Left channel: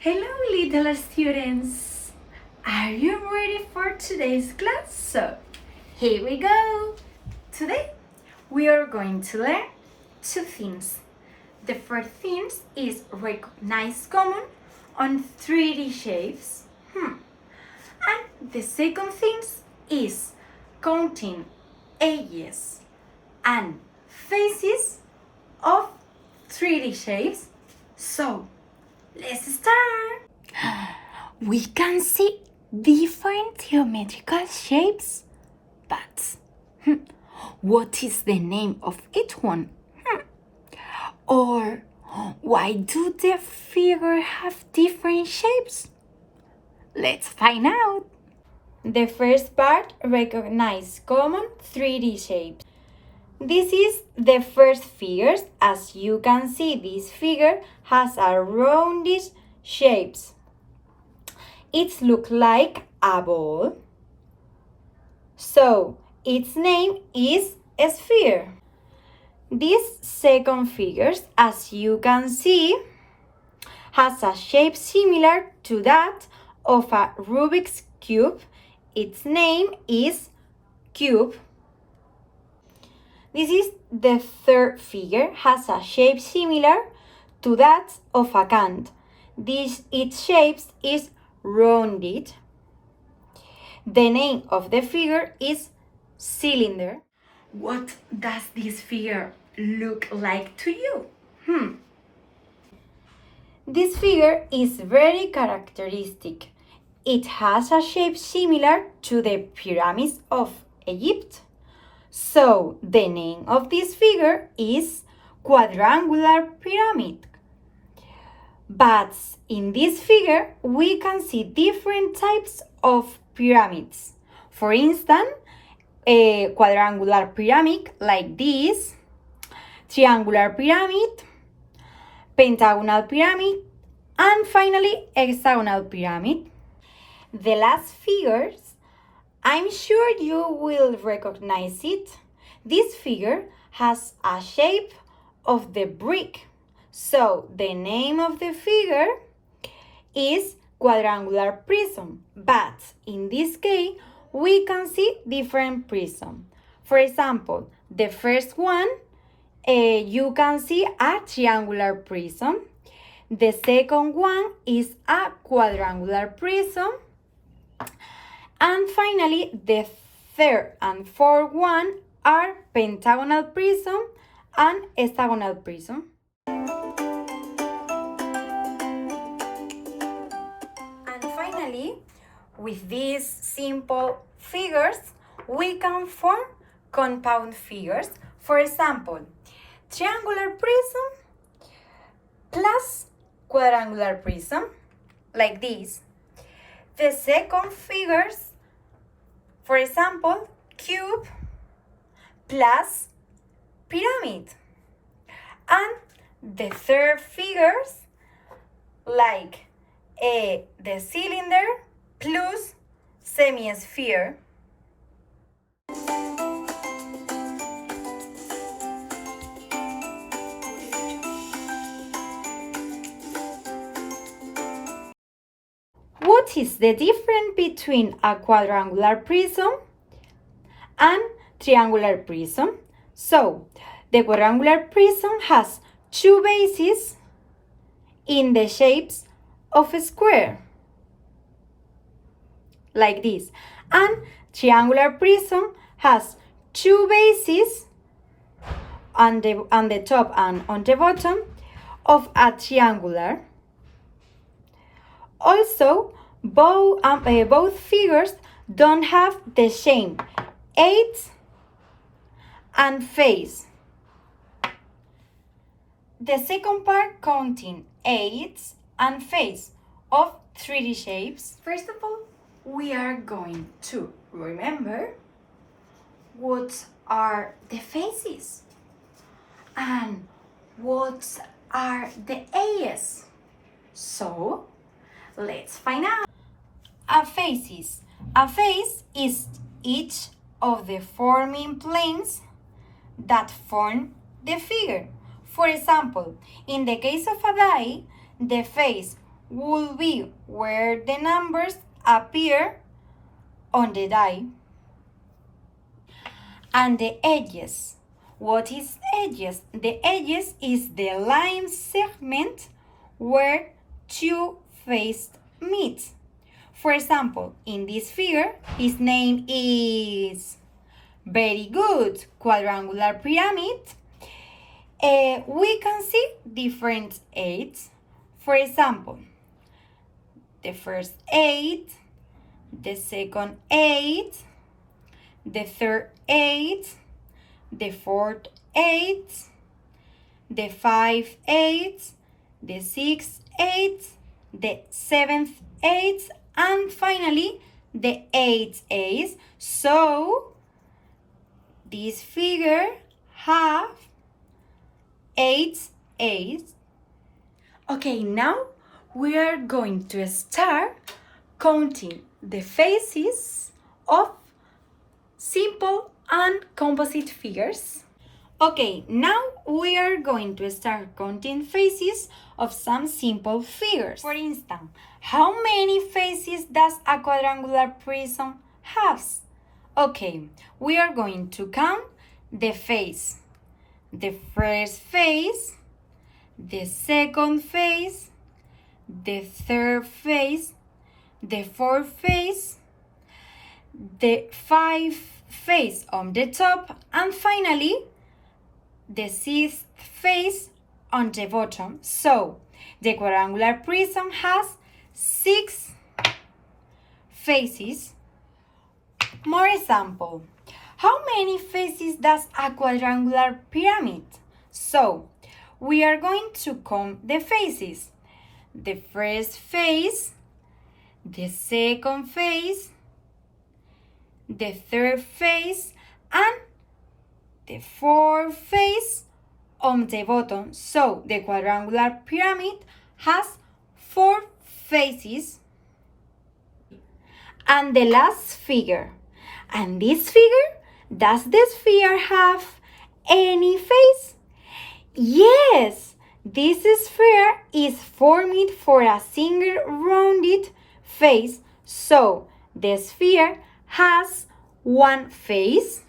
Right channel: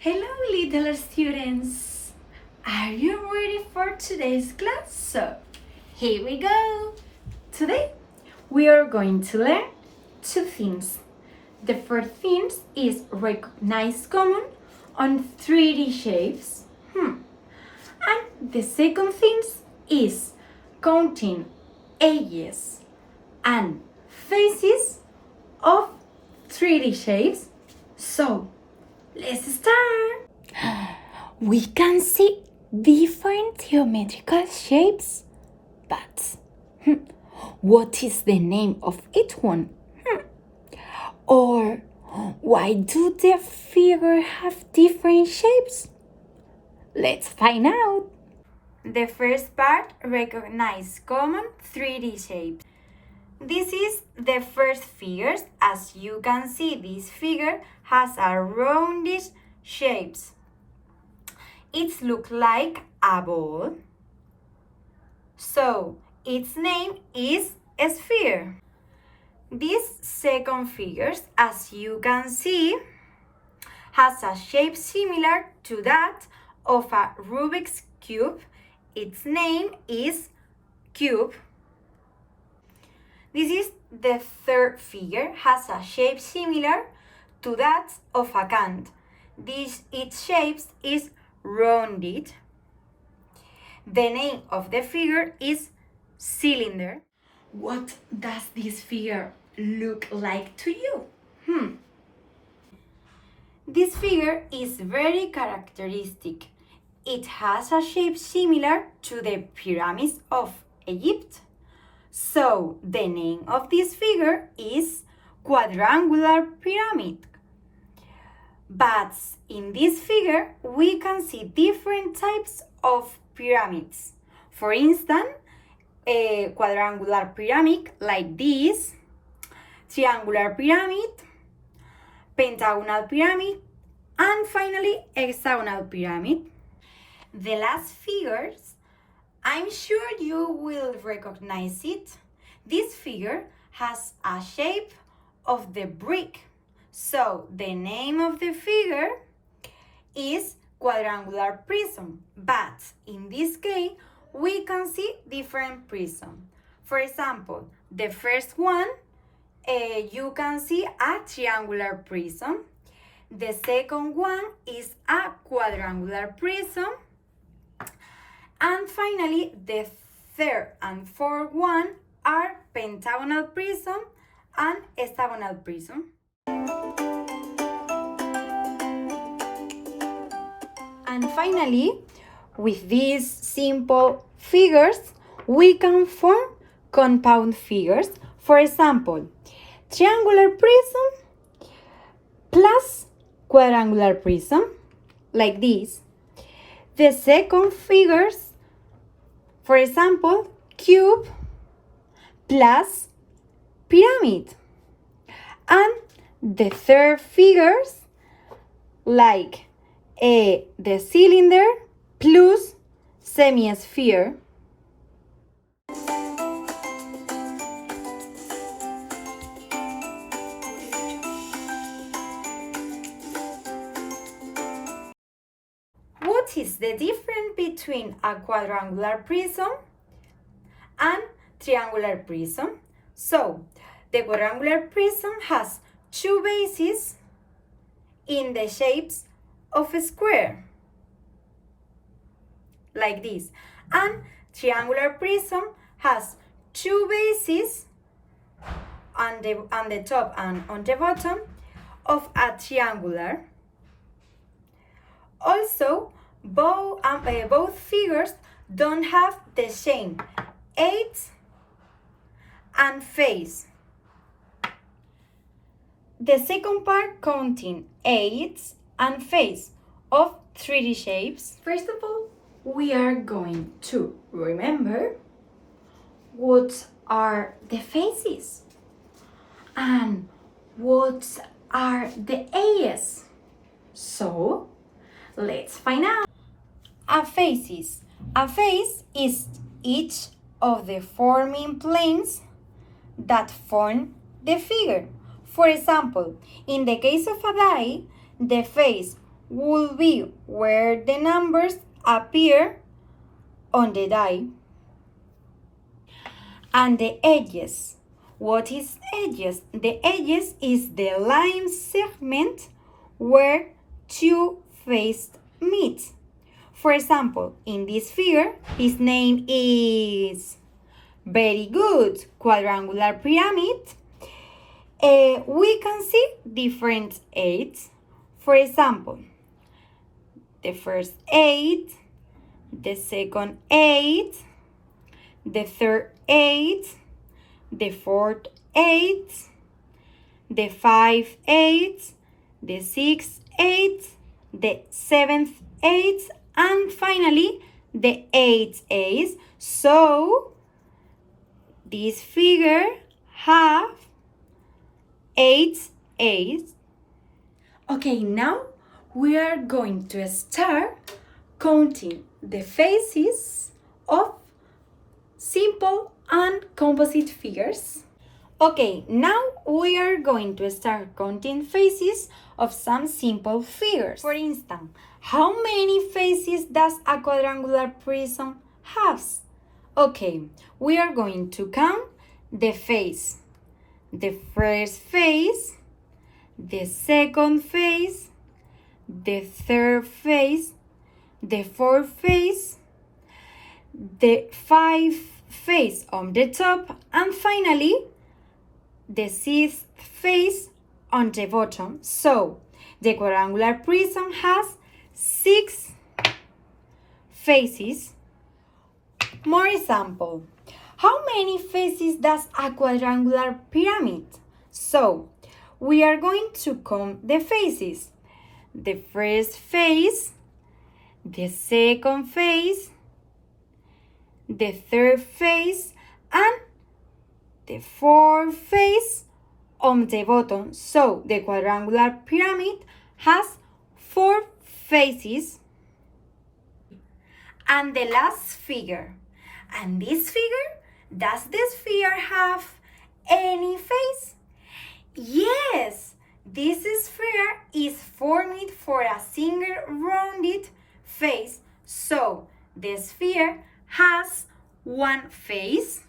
Hello, little students! Are you ready for today's class? So, here we go! Today, we are going to learn two things. The first thing is recognize common on 3D shapes. And the second thing is counting edges and faces of 3D shapes. So, let's start! We can see different geometrical shapes, but what is the name of each one? Or why do the figures have different shapes? Let's find out! The first part, recognize common 3D shapes. This is the first figures. As you can see, this figure has a roundish shapes. It looks like a ball. So, its name is a sphere. This second figures, as you can see, has a shape similar to that of a Rubik's Cube. Its name is cube. This is the third figure, has a shape similar to that of a can. Its shape is rounded. The name of the figure is cylinder. What does this figure look like to you? This figure is very characteristic. It has a shape similar to the pyramids of Egypt. So, the name of this figure is quadrangular pyramid. But in this figure, we can see different types of pyramids. For instance, a quadrangular pyramid like this, triangular pyramid, pentagonal pyramid, and finally hexagonal pyramid. The last figures, I'm sure you will recognize it. This figure has a shape of the brick. So the name of the figure is quadrangular prism. But in this case, we can see different prisms. For example, the first one, you can see a triangular prism. The second one is a quadrangular prism. And finally, the third and fourth one are pentagonal prism and hexagonal prism. And finally, with these simple figures, we can form compound figures. For example, triangular prism plus quadrangular prism, like this. The second figures, for example, cube plus pyramid. And the third figures, like the cylinder plus semi-sphere. What is the difference between a quadrangular prism and triangular prism? So, the quadrangular prism has two bases in the shapes of a square, like this. And triangular prism has two bases on the top and on the bottom of a triangular. Also, both figures don't have the same edge and face. The second part, counting edge and face of 3D shapes. First of all, we are going to remember what are the faces and what are the edges. So, let's find out. A face is each of the forming planes that form the figure. For example, in the case of a die, the face will be where the numbers appear on the die. And the edges. What is edges? The edges is the line segment where two faces meet. For example, in this figure, his name is very good quadrangular pyramid. We can see different eights. For example, the first eight, the second eight, the third eight, the fourth eight, the fifth eight, the sixth eight, the seventh eight, and finally the eighth eight. So this figure have 8 eights. Okay, now we are going to start counting the faces of simple and composite figures. Okay, now we are going to start counting faces of some simple figures. For instance, how many faces does a quadrangular prism have? Okay, we are going to count the face. The first face, the second face, the third face, the fourth face, the fifth face on the top, and finally the sixth face on the bottom. So the quadrangular prism has 6 faces. More example. How many faces does a quadrangular pyramid? So we are going to count the faces. The first face, the second face, the third face, and the fourth face on the bottom. So the quadrangular pyramid has 4 faces. And the last figure. And this figure, does this figure have any face? Yes, this sphere is formed for a single rounded face, so the sphere has 1 face.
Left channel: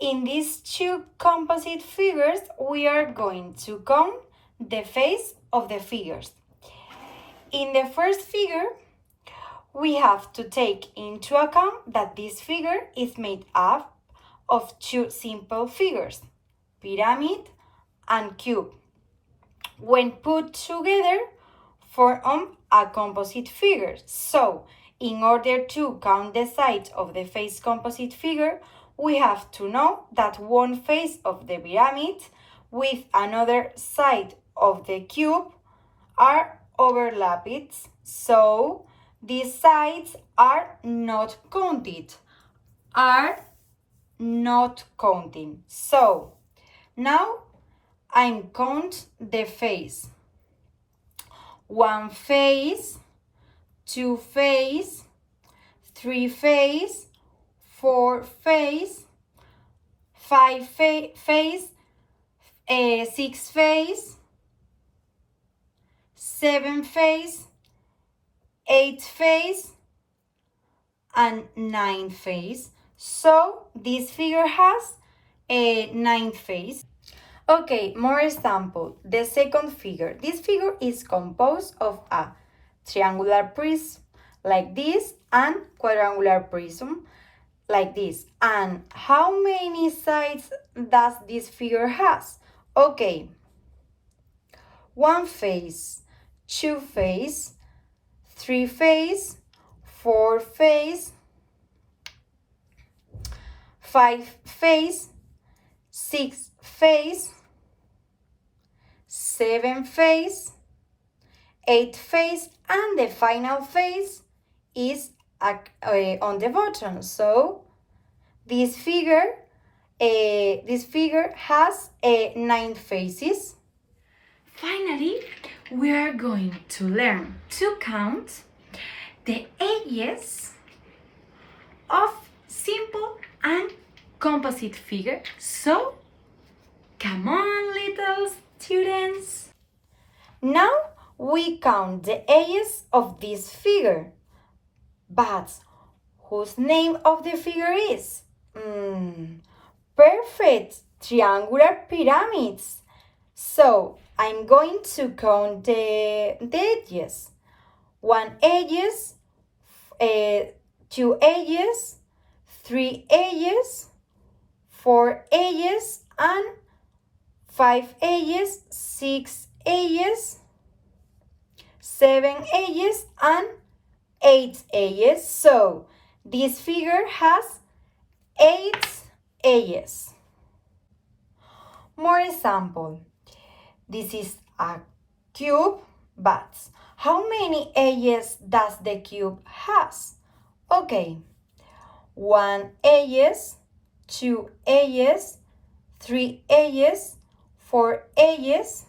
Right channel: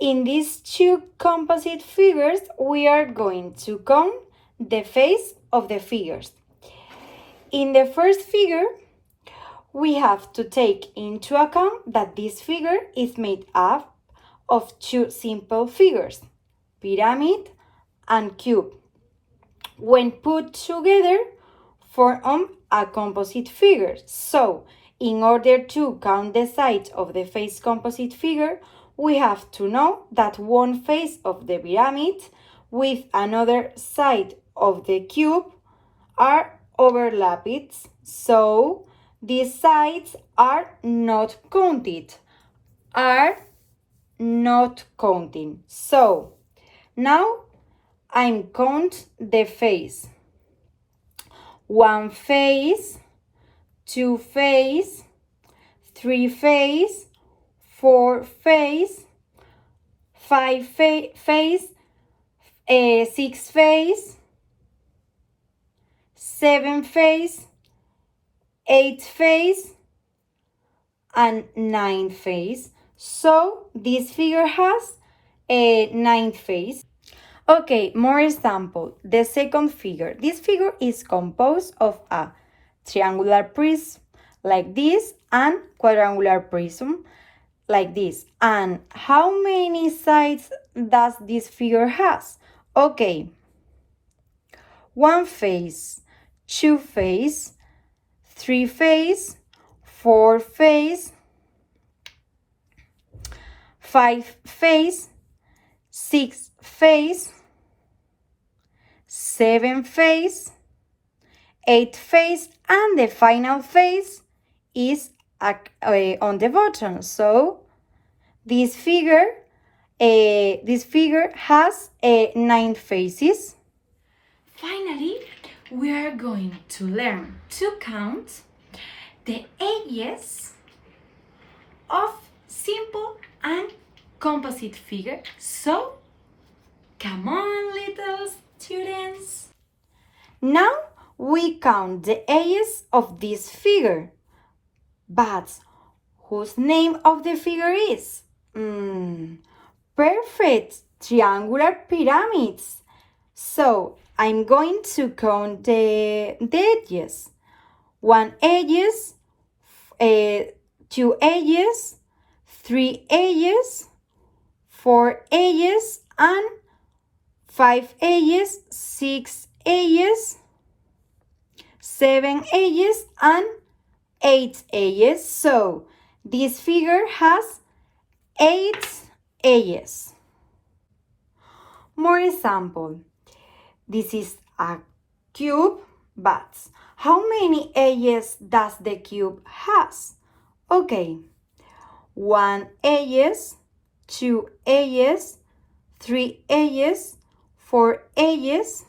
In these 2 composite figures, we are going to count the face of the figures. In the first figure, we have to take into account that this figure is made up of 2 simple figures, pyramid and cube. When put together, form a composite figure. So, in order to count the sides of the face composite figure, we have to know that one face of the pyramid with another side of the cube are overlapped. So, these sides are not counted. So, now I'm count the face. 1 face, 2 face, 3 face, 4 face, 5 face, 6 face, 7 face, 8 face, and 9 face. So this figure has a 9th face. Okay, more example. The second figure. This figure is composed of a triangular prism like this and quadrangular prism like this. And how many sides does this figure has? Okay, 1 face, 2 face, 3 face, 4 face, 5 face, 6 face, 7 face, 8 face, and the final face is on the bottom. So this figure has 9 faces. Finally, we are going to learn to count the edges of simple and composite figure. So, come on, little students. we count the edges of this figure. But whose name of the figure is? Perfect, triangular pyramids. So I'm going to count the edges. 1 edges, 2 edges, 3 edges, 4 edges, and 5 edges, 6 edges, 7 edges, and 8 edges. So this figure has 8 edges. More example. This is a cube, but how many edges does the cube has? Okay, 1 edges, 2 edges, 3 edges, 4 edges,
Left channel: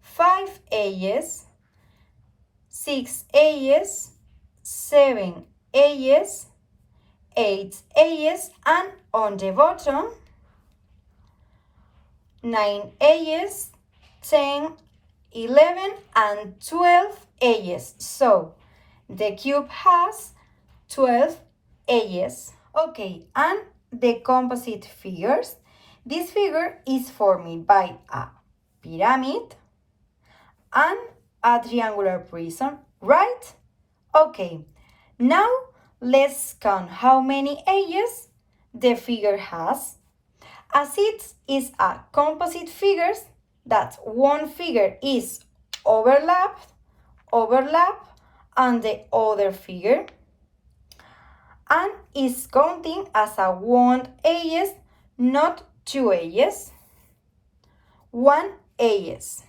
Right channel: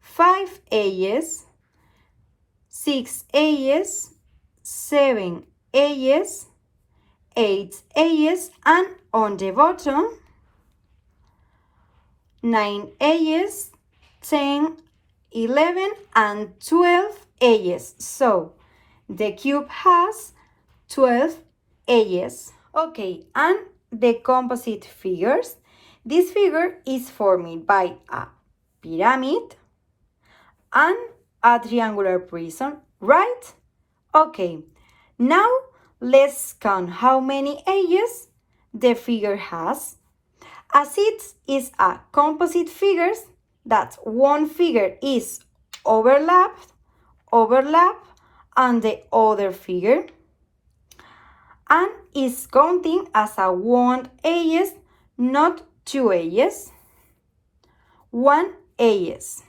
5 edges, 6 edges, 7 edges, 8 edges, and on the bottom 9 edges, 10, 11, and 12 edges. So the cube has 12 edges. Okay, and the composite figures. This figure is formed by a pyramid and a triangular prism, right? Okay, now let's count how many edges the figure has. As it is a composite figure, that one figure is overlap, and the other figure, and is counting as a 1 edges, not 2 edges, 1 edges.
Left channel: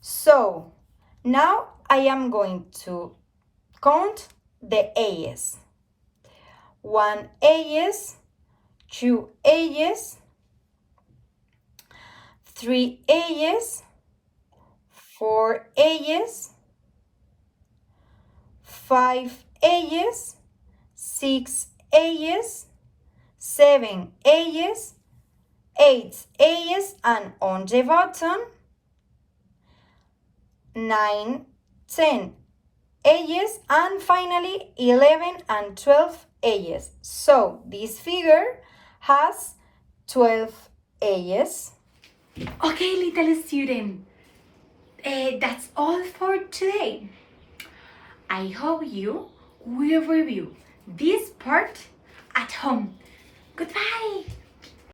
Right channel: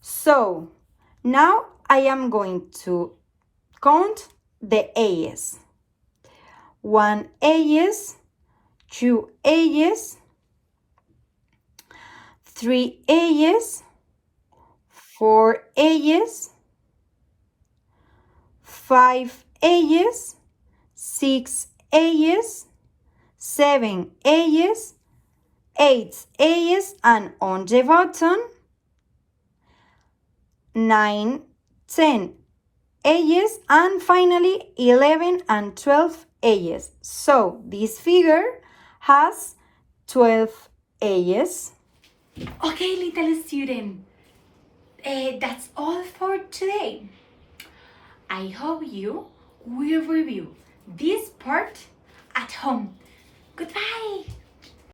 So now I am going to count the edges. 1 edges, 2 edges, 3 edges, 4 edges, 5 edges, 6 edges, 7 edges, 8 edges, and on the bottom 9, 10 edges, and finally 11 and 12 edges. So this figure has 12 edges. Okay, little student, that's all for today. I hope you will review this part at home. Goodbye!